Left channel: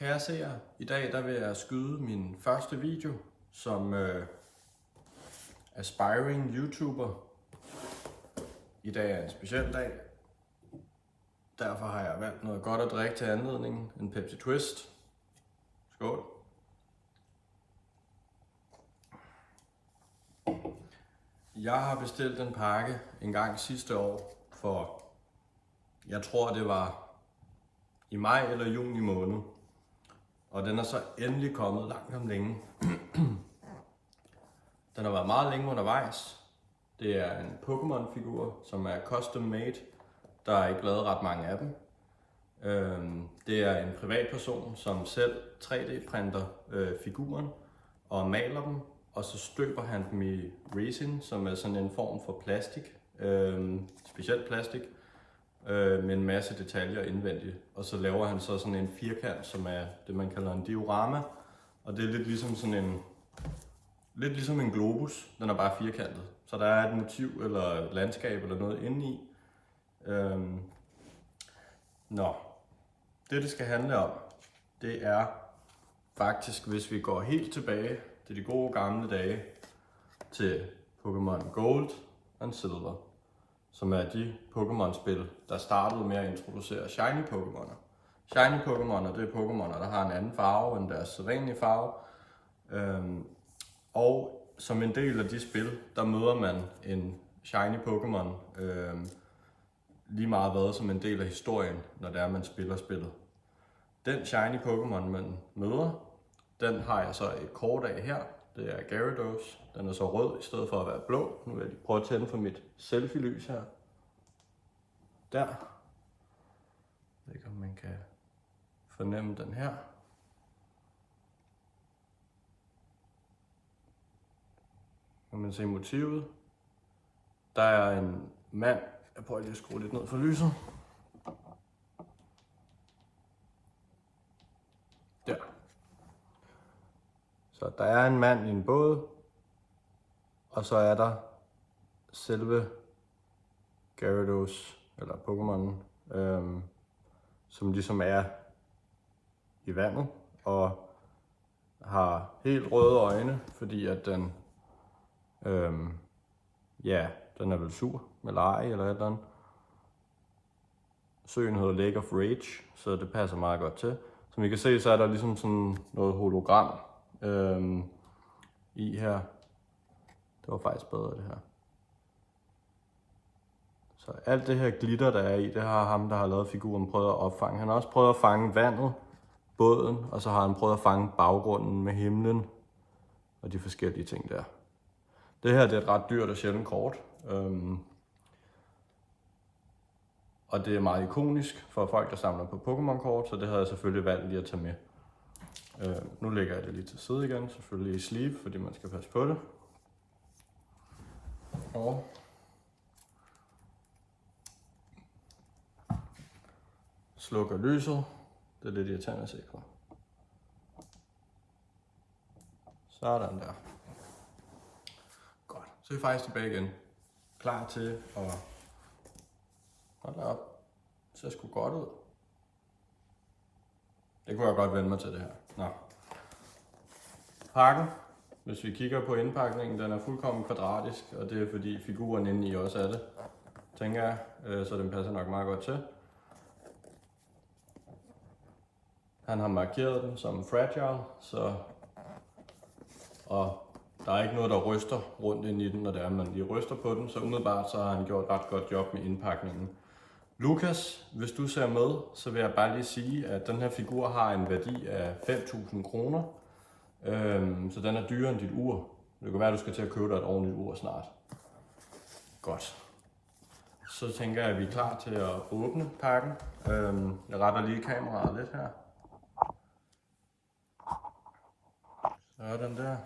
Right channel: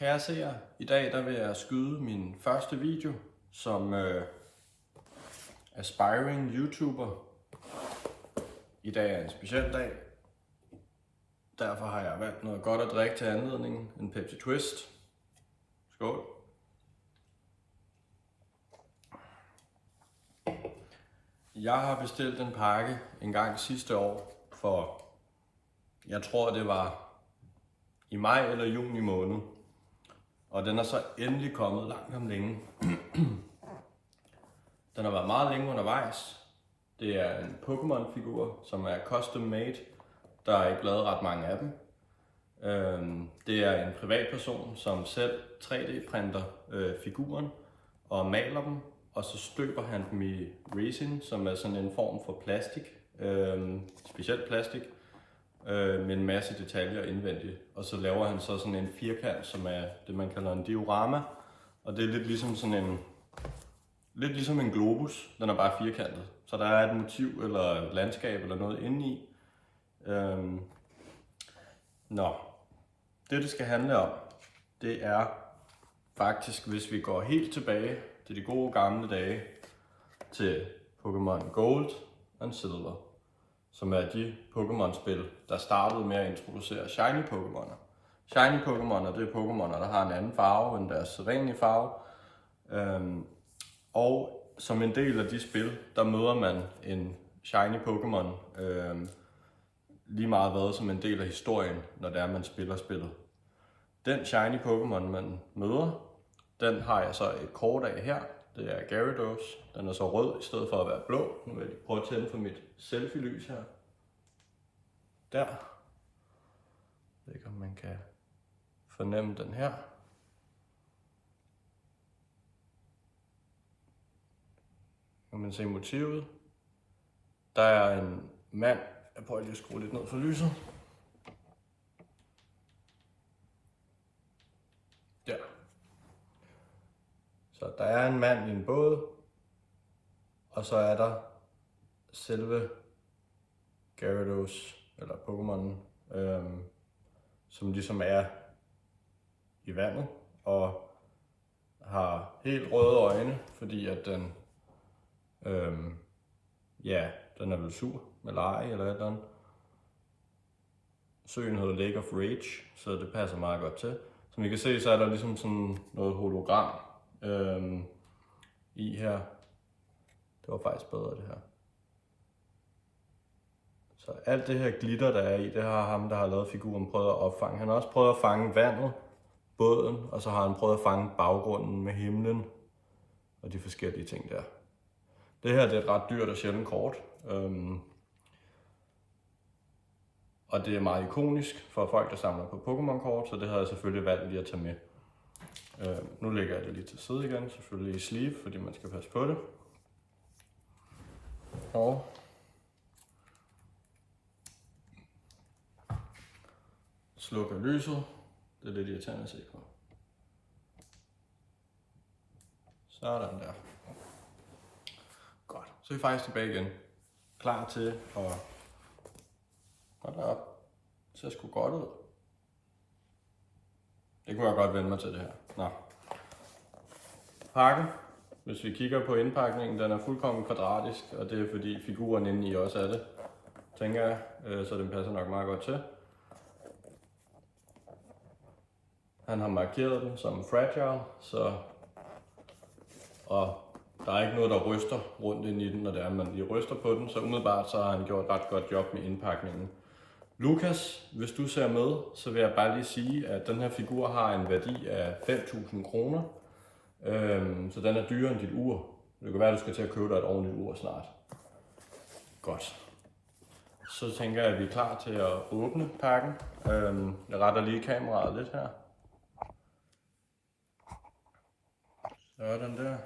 Kære seere, i dag vil jeg skyde min første video som aspiring YouTuber. I dag er en speciel dag. Derfor har jeg valgt noget godt at drikke til anledningen. En Pepsi Twist. Skål. Jeg har bestilt en pakke en gang sidste år for, jeg tror det var i maj eller juni måned. Og den er så endelig kommet langt om længe. Den har været meget længe undervejs. Det er en Pokémon-figur, som er custom made. Der er ikke lavet ret mange af dem. Det er en privatperson, som selv 3D-printer figuren og maler dem. Og så støber han dem i resin, som er sådan en form for plastik. Specielt plastik. Med en masse detaljer indvendigt. Og så laver han så sådan en firkant, som er det man kalder en diorama. Og det er lidt ligesom en globus, den er bare firkantet. Så der er et motiv eller et landskab eller noget indeni. Det skal handle om, det er faktisk, hvis vi går helt tilbage til de gode gamle dage, til Pokémon Gold og Silver, som er de Pokémon-spil, der startede med at introducere shiny Pokémoner. Shiny Pokémoner, det er Pokémoner, der har en anden farve end deres sædvanlige farve. Og som en del af de spil, der møder man en shiny Pokémon lige meget hvad som en del af historien, når det er, man spiller spillet. Den shiny Pokémon, man møder, den har jeg så et kort af her. Det er Gyarados. Den er så rød i stedet for at være blå. Nu vil jeg prøve at tænde for mit selfie-lys her. Der. Jeg ved ikke, om man kan fornemme den her. Kan man se motivet. Der er en mand. Jeg prøver lige at skrue lidt ned for lyset. Der. Så der er en mand i en båd. Og så er der selve Gyarados, eller Pokémon, som ligesom er i vandet og har helt røde øjne, fordi at den, den er vel sur med leje eller et eller andet. Søen hedder Lake of Rage, så det passer meget godt til. Som I kan se, så er der ligesom sådan noget hologram i her. Det var faktisk bedre det her. Så alt det her glitter, der er i, det har ham, der har lavet figuren, prøvet at opfange. Han har også prøvet at fange vandet, båden, og så har han prøvet at fange baggrunden med himlen og de forskellige ting der. Det her det er et ret dyrt og sjældent kort. Og det er meget ikonisk for folk, der samler på Pokémon-kort, så det havde jeg selvfølgelig valgt lige at tage med. Nu lægger jeg det lige til side igen, selvfølgelig i sleeve, fordi man skal passe på det. Og slukker lyset. Det er lidt irriterende at se på. Sådan der. Godt. Så er vi faktisk tilbage igen. Klar til at... Hold da op. Det ser sgu godt ud. Det kunne jeg godt vende mig til det her. Nå. Pakken. Hvis vi kigger på indpakningen, den er fuldkommen kvadratisk, og det er fordi figuren inde i også er det, tænker jeg, så den passer nok meget godt til. Han har markeret den som fragile, og der er ikke noget, der ryster rundt ind i den, når det er, man lige ryster på den, så umiddelbart så har han gjort et ret godt job med indpakningen. Lukas, hvis du ser med, så vil jeg bare lige sige, at den her figur har en værdi af 5.000 kroner. Så den er dyrere end dit ur. Det kan være, at du skal til at købe dig et ordentligt ur snart. Godt. Så tænker jeg, at vi er klar til at åbne pakken. Jeg retter lige kameraet lidt her. Sådan der.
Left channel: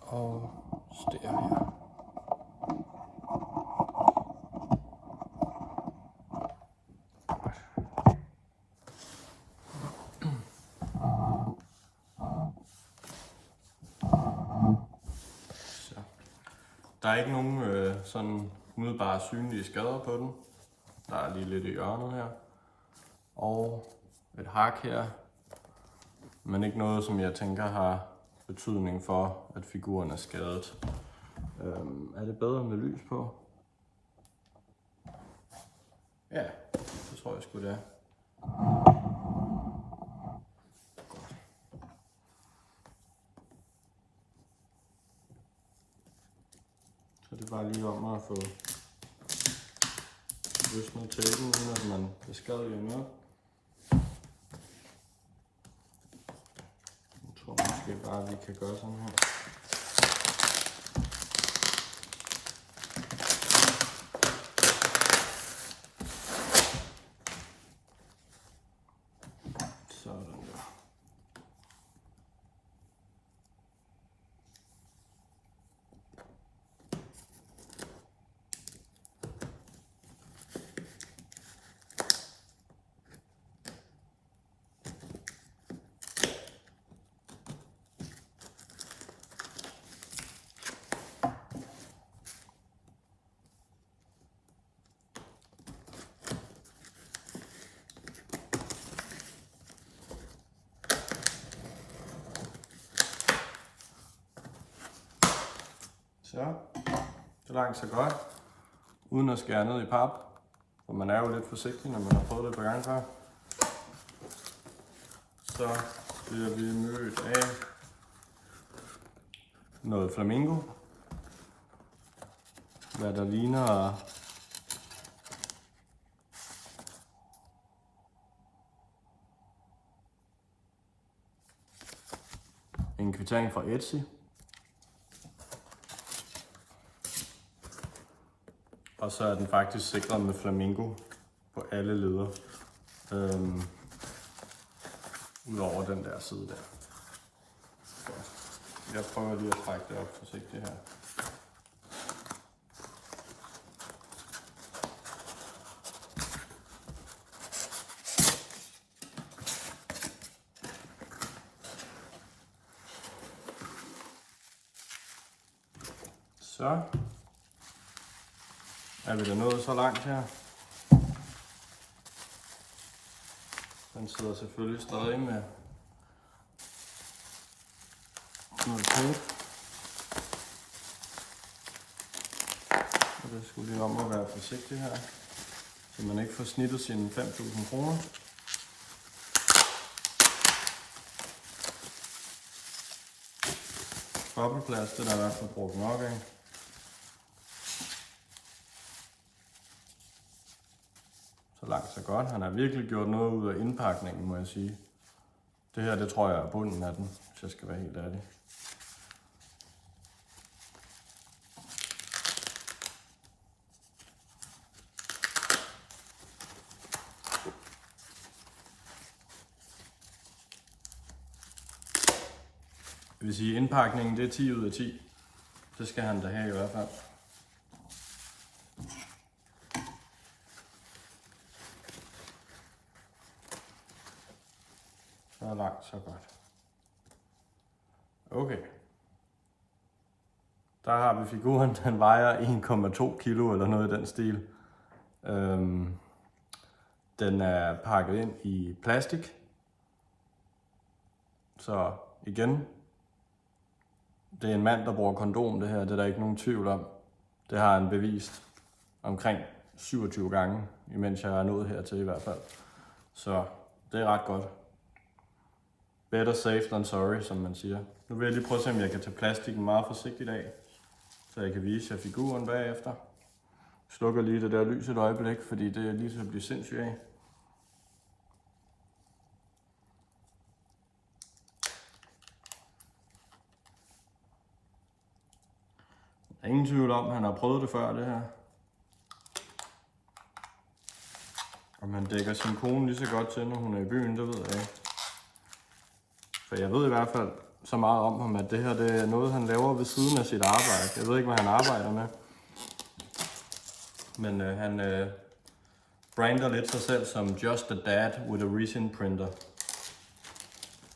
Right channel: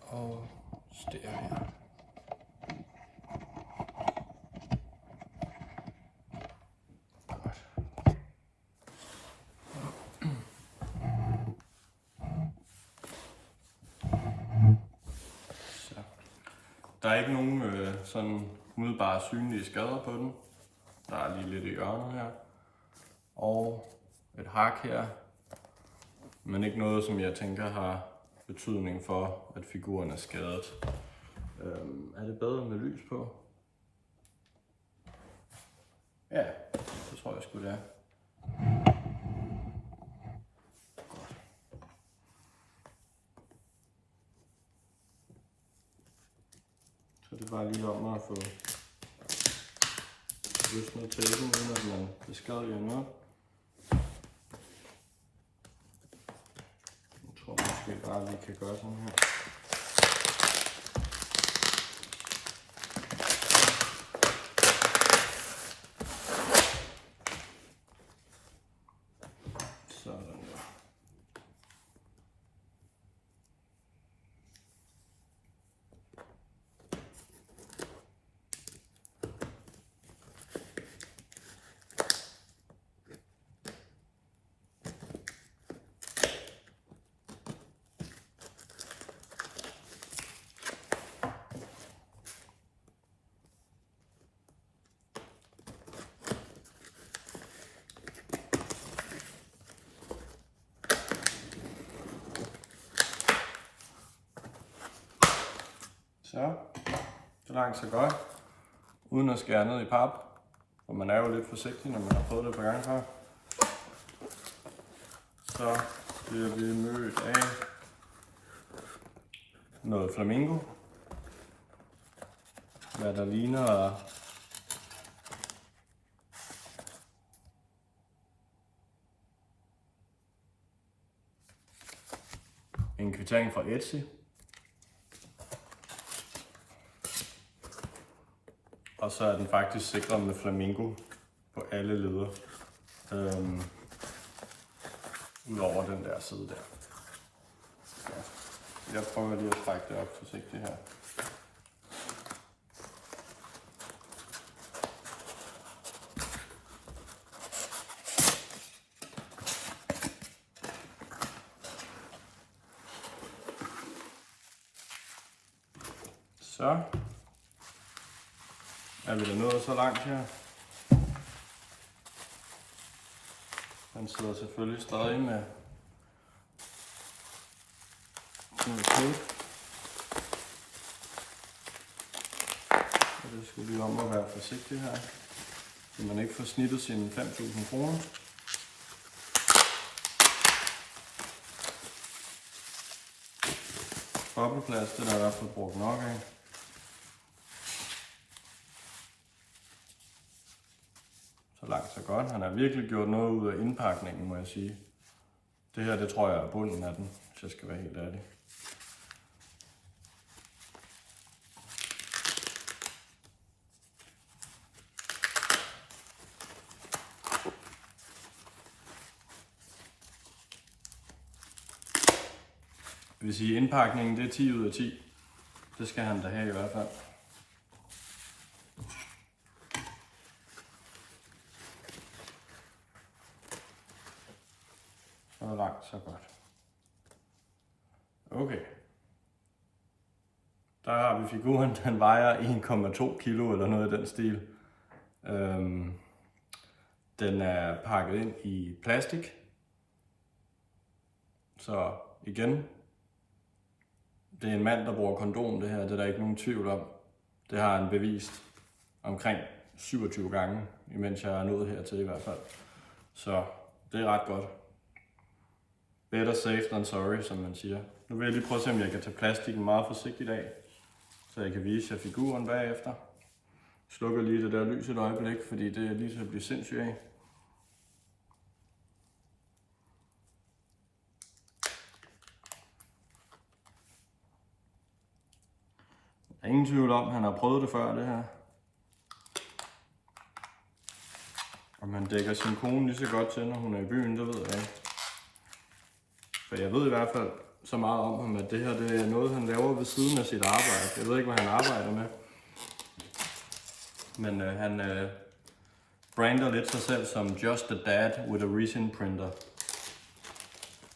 Og ster her. Der er ikke nogen sådan umiddelbart synlige skader på den. Der er lige lidt i hjørnet her. Og et hak her, men ikke noget, som jeg tænker har betydning for, at figuren er skadet. Er det bedre med lys på? Ja, det tror jeg sgu det er. Så det er bare lige om at få løsnet tapen, uden at man beskadiger noget. Jeg tror måske bare, at vi kan gøre sådan her. Sådan der. Så langt så godt, uden at skære ned i pap, for man er jo lidt forsigtig, når man har prøvet det et par gange før. Så bliver vi mødt af noget flamingo, hvad der ligner en kvittering fra Etsy. Og så er den faktisk sikret med flamingo på alle leder. Udover den der side der. Så jeg prøver lige at trække det op forsigtigt her. Så er vi da nået så langt her. Den sidder selvfølgelig stadig med noget tape. Og det skulle lige om at være forsigtig her, så man ikke får snittet sine 5.000 kroner. Bobleplast, den er i hvert fald brugt nok af. Så langt så godt. Han har virkelig gjort noget ud af indpakningen, må jeg sige. Det her, det tror jeg er bunden af den, hvis jeg skal være helt ærlig. Det vil sige, at indpakningen det er 10 ud af 10. Det skal han da have i hvert fald. Så langt, så godt. Okay. Der har vi figuren, den vejer 1,2 kilo eller noget i den stil. Den er pakket ind i plastik. Så igen, det er en mand, der bruger kondom det her, det er der ikke nogen tvivl om. Det har han bevist omkring 27 gange, imens jeg er nået hertil i hvert fald. Så det er ret godt. Better safe than sorry, som man siger. Nu vil jeg lige prøve at se, om jeg kan tage plastikken meget forsigtigt af, så jeg kan vise jer figuren bagefter. Slukker lige det der lys et øjeblik, fordi det er lige til at blive sindssygt af. Der er ingen tvivl om, at han har prøvet det før, det her. Om han dækker sin kone lige så godt til, når hun er i byen, det ved jeg ikke. For jeg ved i hvert fald så meget om ham, at det her det er noget, han laver ved siden af sit arbejde. Jeg ved ikke, hvad han arbejder med. Men han brander lidt sig selv som just a dad with a resin printer.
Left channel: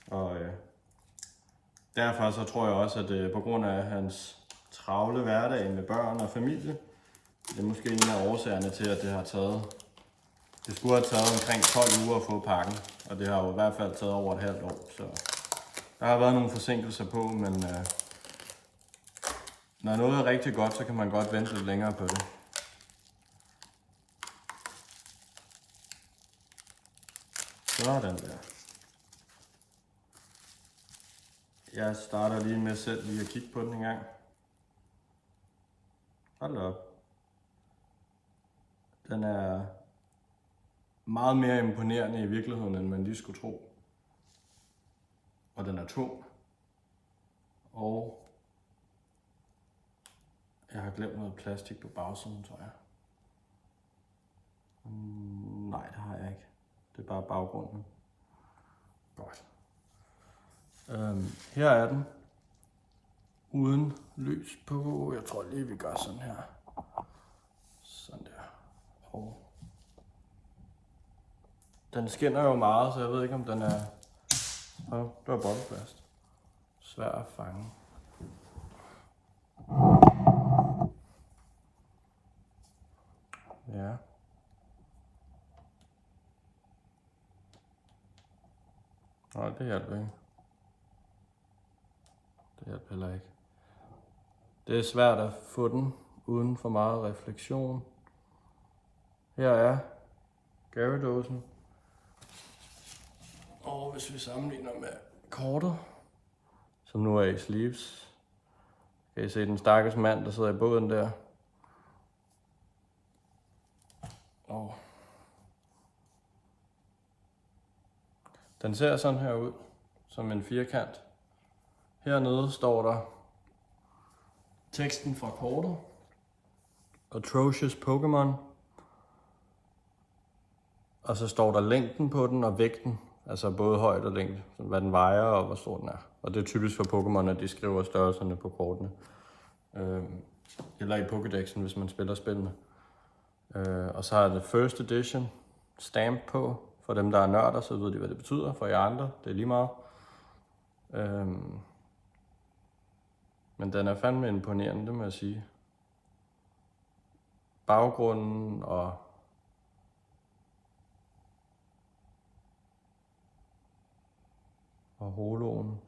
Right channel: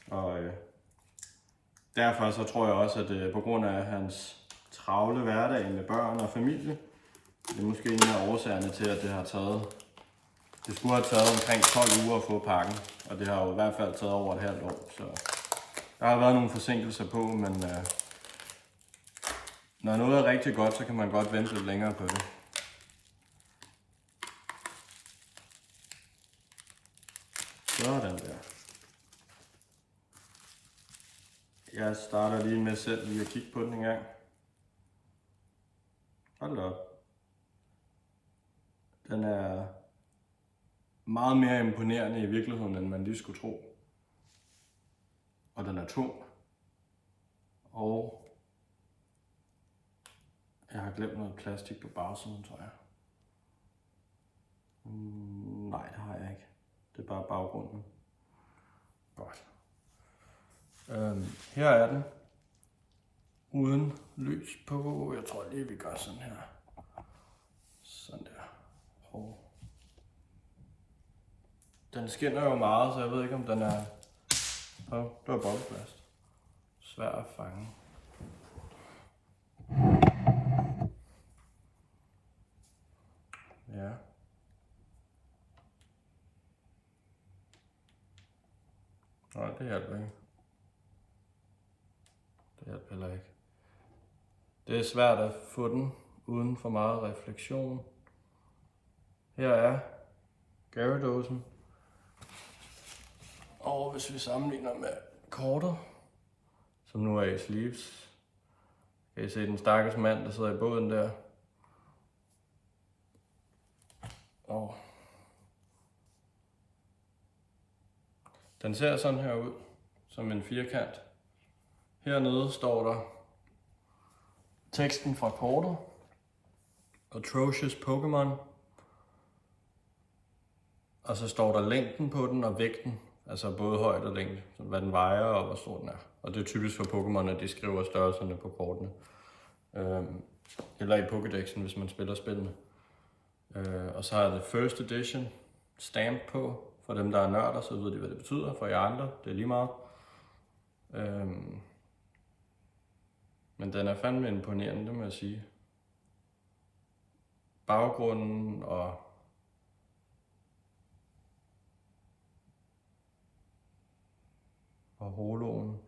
Og derfor så tror jeg også, at på grund af hans travle hverdag med børn og familie, det er måske en af årsagerne til, at det skulle have taget omkring 12 uger at få pakken. Og det har jo i hvert fald taget over et halvt år, så der har været nogle forsinkelser på, men når noget er rigtig godt, så kan man godt vente lidt længere på det. Sådan der. Jeg starter lige med selv lige at kigge på den en gang. Hold da op. Den er meget mere imponerende i virkeligheden, end man lige skulle tro. Og den er tung. Og jeg har glemt noget plastik på bagsiden, tror jeg. Nej, det har jeg ikke. Det er bare baggrunden. Godt. Her er den. Uden lys på. Jeg tror lige, vi gør sådan her. Sådan der. Og den skinner jo meget, så jeg ved ikke, om den er... Det var bobleplast. Svær at fange. Ja. Nej, det hjælper ikke. Det hjælper heller ikke. Det er svært at få den uden for meget refleksion. Her er Gyaradosen. Og hvis vi sammenligner med kortet, som nu er i sleeves, kan I se den stakkels mand, der sidder i båden der. Og den ser sådan her ud, som en firkant. Hernede står der teksten fra kortet. Atrocious Pokémon. Og så står der længden på den og vægten. Altså både højde og længde, hvad den vejer og hvor stor den er. Og det er typisk for Pokémon, at de skriver størrelserne på kortene. Eller i Pokédexen, hvis man spiller spillene. Og så er det First Edition stamp på. For dem, der er nørder, så ved de, hvad det betyder. For jer andre, det er lige meget. Men den er fandme imponerende, det må jeg sige. Baggrunden og holoen.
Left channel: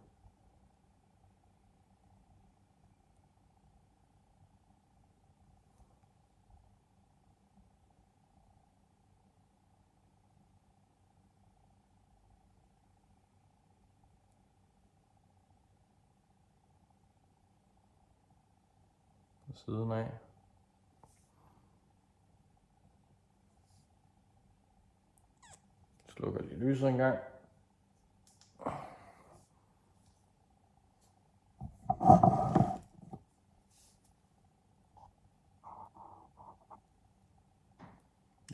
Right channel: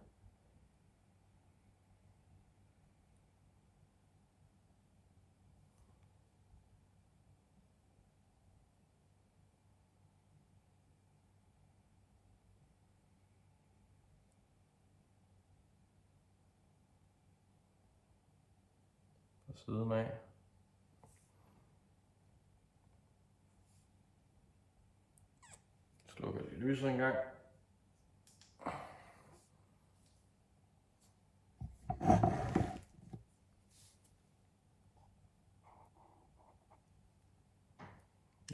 På siden af. Slukker lige lyset en gang.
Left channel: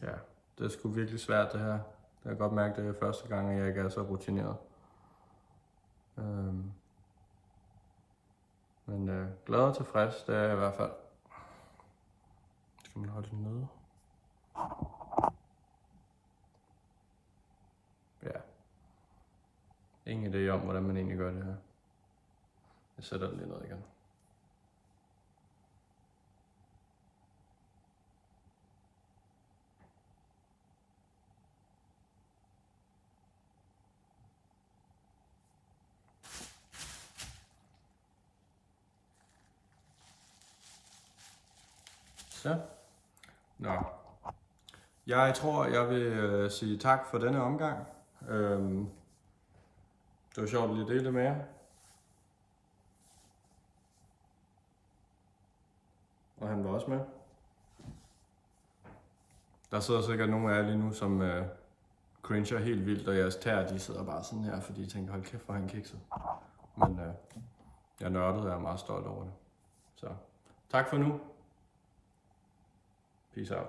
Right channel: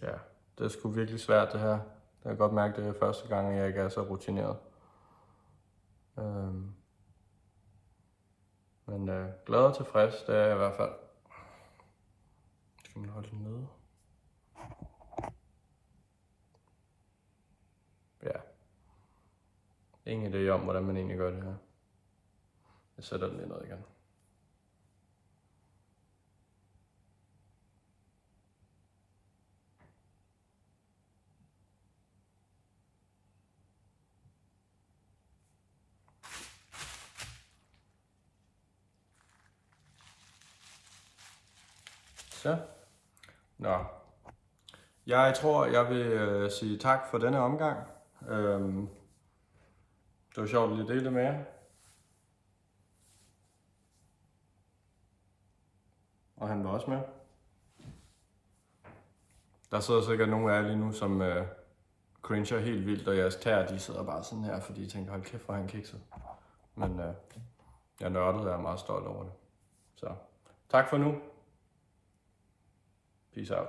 Ja, det er sgu virkelig svært det her. Det kan jeg godt mærke, det er første gang, at jeg ikke er så rutineret. Men glad og tilfreds, det er jeg i hvert fald. Skal man holde den nede? Ja. Ingen idé om, hvordan man egentlig gør det her. Jeg sætter den lige ned igen. Så. Nå. Jeg tror, jeg vil sige tak for denne omgang. Det var sjovt at lige dele det med jer. Og han var også med. Der sidder sikkert nogle af jer lige nu, som cringer helt vildt, og jeres tæer, de sidder bare sådan her, fordi de tænker, hold kæft, hvor han kikset. Men jeg nørdede, og jeg er meget stolt over det. Så tak for nu. Peace out.